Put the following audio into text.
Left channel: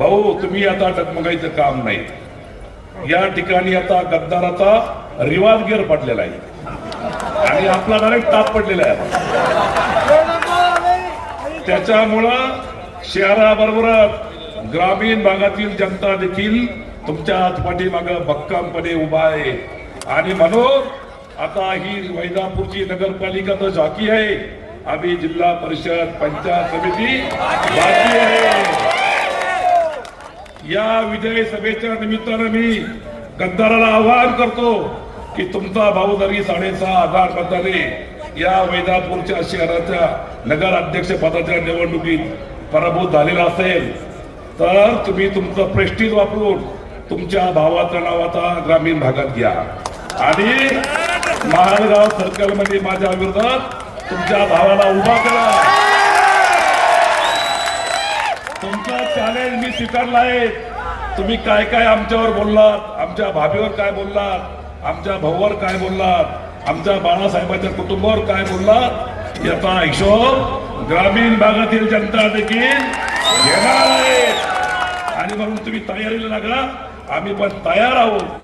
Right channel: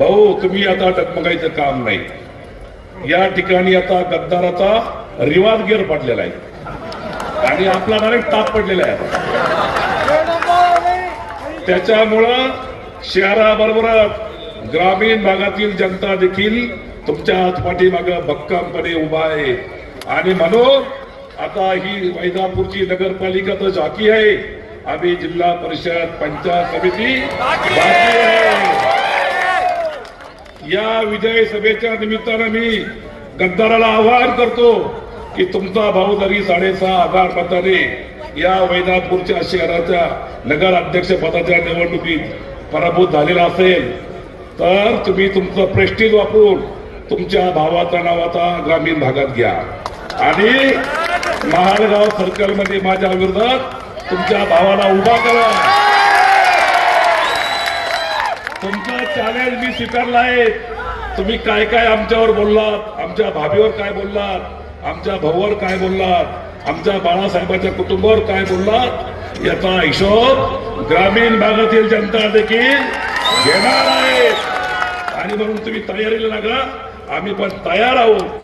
भाऊ तुम्ही आता डगमगायचं काम नाही। या ठिकाणी आता गद्दाराचा रिवाज गिअर पडलेला आहे आणि आपला डायरेक्ट ताप पडलेला आहे। त्याच्यामुळं शहराबरोबर ग्रामीण भागातील जनता देखील तुमच्या पाठीमागं भक्कमपणे उभा आहे आणि म्हणून आता ही वैजापूरची नगरपालिका तर झाकी आहे, आम्ही जिल्हा परिषद पंचायत समिती बाकी आहे। या विजय सभेच्या निमित्तानं मी गद्दाराला आवाहन करतो की तुमचा भाऊ जरी 6.5 मताने या वैजापूरच्या शहराच्या नगर अध्यक्ष पदाच्या निवडणुकीत पराभूत झालेला असेल तर तुम्ही तुमचं प्रेस्टीज वापरून तुमच्या भावाचं नाव आता ग्रामीण भागात घ्या आणि महालगाव सर्कलमध्ये माझ्या विरोधात तुमच्या भावाला उभा करा। तुमचा चॅलेंज मी स्वीकारला आहे। तुम्ही काय काय आमच्यावर बोललात, आमच्या भाभीवर काय बोललात, आमच्या भाऊवर काय बोललात, आमच्या बाळासाहेबांच्या कुटुंबावर काय बोललात, याचा हिशोब ग्रामीण भागातील जनता देखील घेणार आहे आणि म्हणून तुम्ही तयारीला लागा, आम्ही पण तयार आहोत।